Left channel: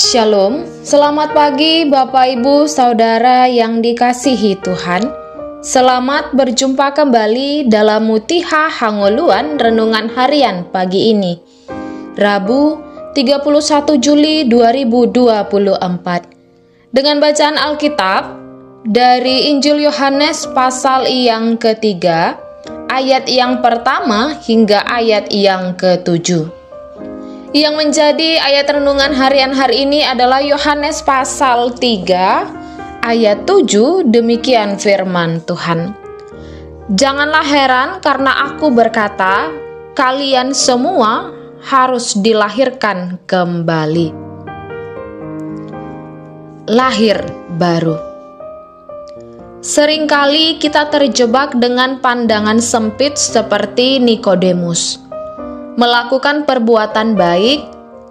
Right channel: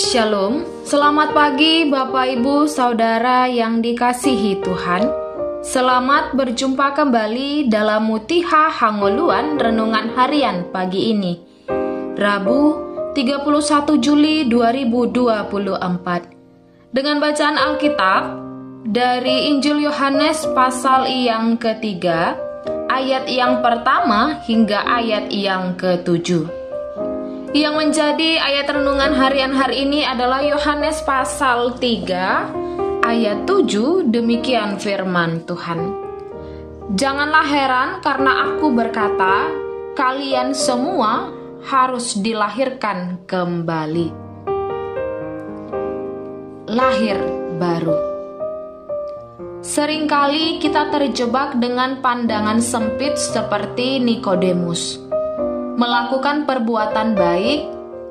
Shalom, selamat pagi Bapak Ibu Saudara yang dikasihi Tuhan. Selamat berjumpa kembali dalam Mutiha Hangoluan Renungan Harian pagi ini, Rabu 31 Juli 2024. Dengan bacaan Alkitab dari Injil Yohanes pasal yang ketiga, ayat yang pertama hingga ayat yang ketujuh. Yang menjadi ayat renungan harian hari ini adalah Yohanes pasal 3 ayat 7, demikian firman Tuhan. Janganlah heran karena aku berkata, kalian semua harus dilahirkan kembali. Lahir baru. Seringkali kita terjebak dengan pandangan sempit seperti Nikodemus. Melakukan perbuatan baik,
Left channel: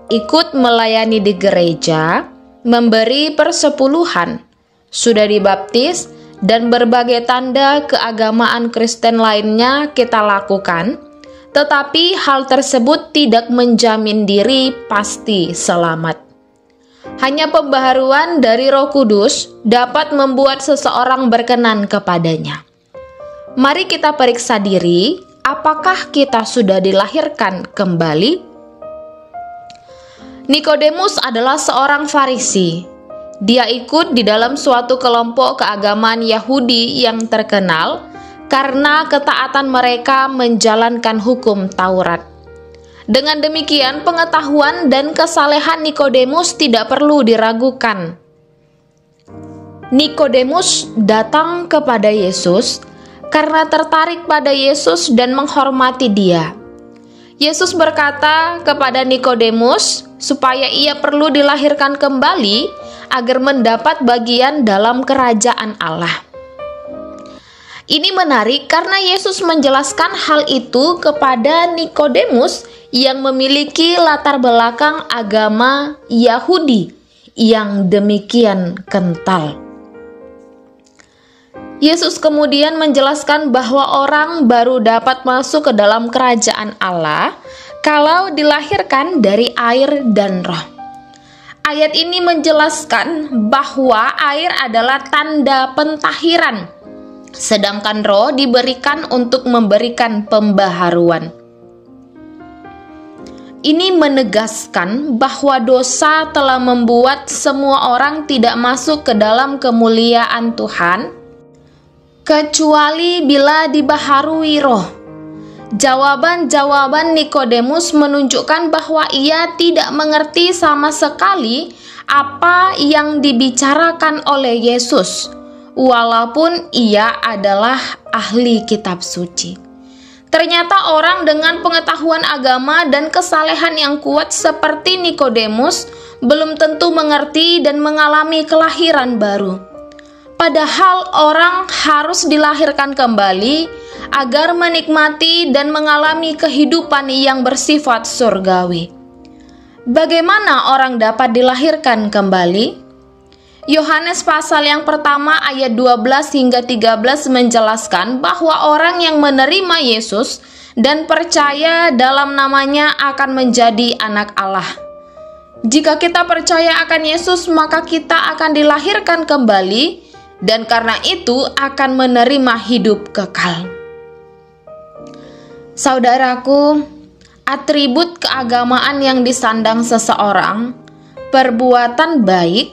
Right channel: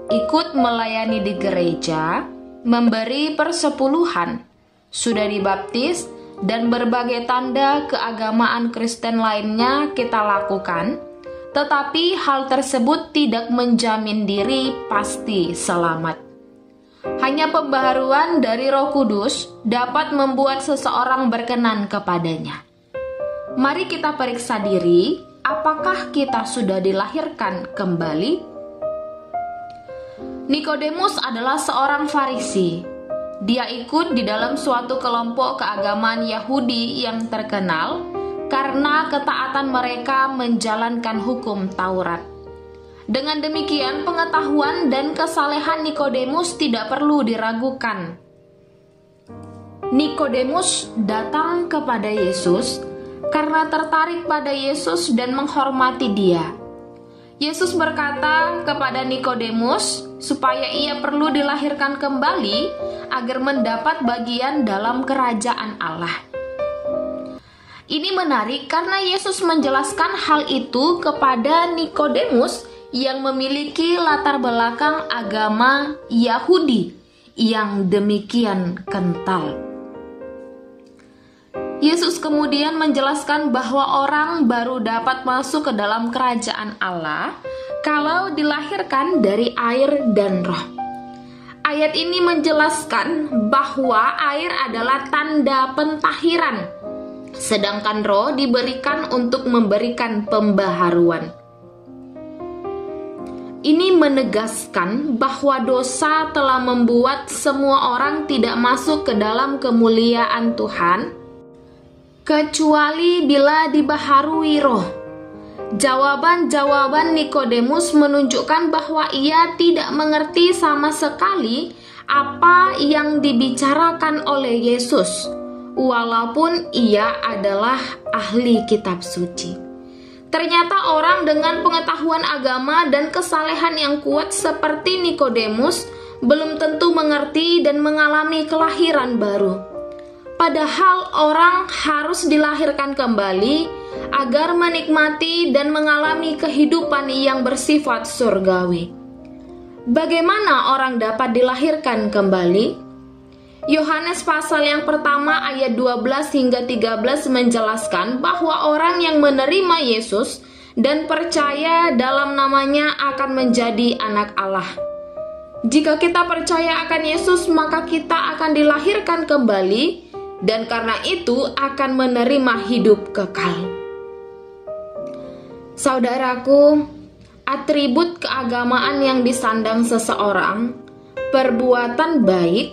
ikut melayani di gereja, memberi persepuluhan, sudah dibaptis, dan berbagai tanda keagamaan Kristen lainnya kita lakukan, tetapi hal tersebut tidak menjamin diri pasti selamat. Hanya pembaharuan dari Roh Kudus dapat membuat seseorang berkenan kepadanya. Mari kita periksa diri. Apakah kita sudah dilahirkan kembali? Nikodemus adalah seorang Farisi. Dia ikut di dalam suatu kelompok keagamaan Yahudi yang terkenal karena ketaatan mereka menjalankan hukum Taurat. Dengan demikian, pengetahuan dan kesalehan Nikodemus tidak perlu diragukan. Nikodemus datang kepada Yesus karena tertarik pada Yesus dan menghormati Dia. Yesus berkata kepada Nikodemus supaya ia perlu dilahirkan kembali agar mendapat bagian dalam kerajaan Allah. Ini menarik karena Yesus menjelaskan hal itu kepada Nikodemus yang memiliki latar belakang agama Yahudi yang demikian kental. Yesus kemudian menjelaskan bahwa orang baru dapat masuk ke dalam kerajaan Allah kalau dilahirkan dari air dan roh. Ayat ini menjelaskan bahwa air adalah tanda pentahiran, sedangkan roh diberikan untuk memberikan pembaharuan. Ini menegaskan bahwa dosa telah membuat semua orang tidak masuk ke dalam kemuliaan Tuhan, kecuali bila dibaharui roh. Jawaban-jawaban Nikodemus menunjukkan bahwa ia tidak mengerti sama sekali apa yang dibicarakan oleh Yesus, walaupun ia adalah ahli kitab suci. Ternyata orang dengan pengetahuan agama dan kesalehan yang kuat seperti Nikodemus belum tentu mengerti dan mengalami kelahiran baru. Padahal orang harus dilahirkan kembali agar menikmati dan mengalami kehidupan yang bersifat surgawi. Bagaimana orang dapat dilahirkan kembali? Yohanes pasal yang pertama ayat 12 hingga 13 menjelaskan bahwa orang yang menerima Yesus dan percaya dalam namanya akan menjadi anak Allah. Jika kita percaya akan Yesus, maka kita akan dilahirkan kembali, dan karena itu akan menerima hidup kekal. Saudaraku, atribut keagamaan yang disandang seseorang, perbuatan baik,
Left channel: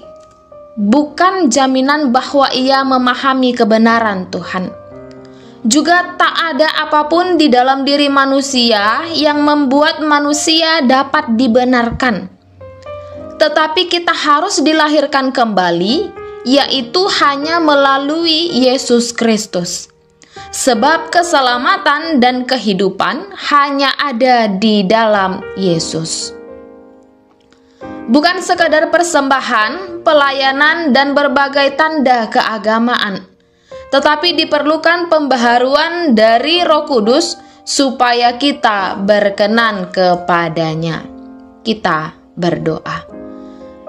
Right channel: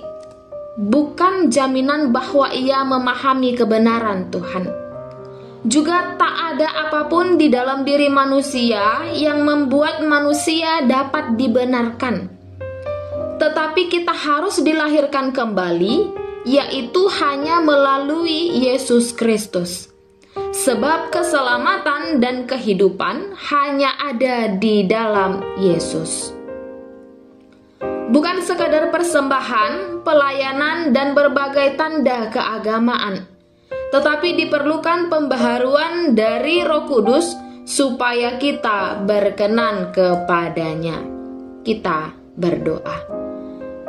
bukan jaminan bahwa ia memahami kebenaran Tuhan. Juga tak ada apapun di dalam diri manusia yang membuat manusia dapat dibenarkan. Tetapi kita harus dilahirkan kembali, yaitu hanya melalui Yesus Kristus. Sebab keselamatan dan kehidupan hanya ada di dalam Yesus. Bukan sekadar persembahan, pelayanan, dan berbagai tanda keagamaan, tetapi diperlukan pembaharuan dari Roh Kudus supaya kita berkenan kepadanya. Kita berdoa.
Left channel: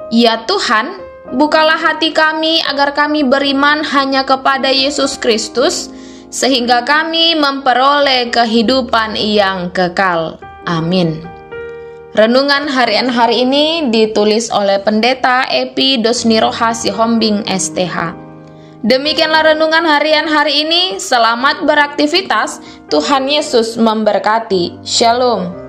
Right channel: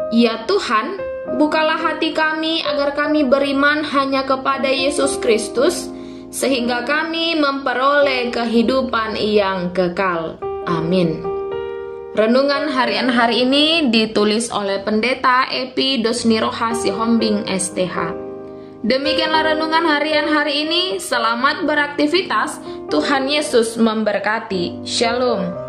Ya Tuhan, bukalah hati kami agar kami beriman hanya kepada Yesus Kristus, sehingga kami memperoleh kehidupan yang kekal. Amin. Renungan harian hari ini ditulis oleh Pendeta Epi Dosniroha Sihombing STH. Demikianlah renungan harian hari ini. Selamat beraktivitas. Tuhan Yesus memberkati. Shalom.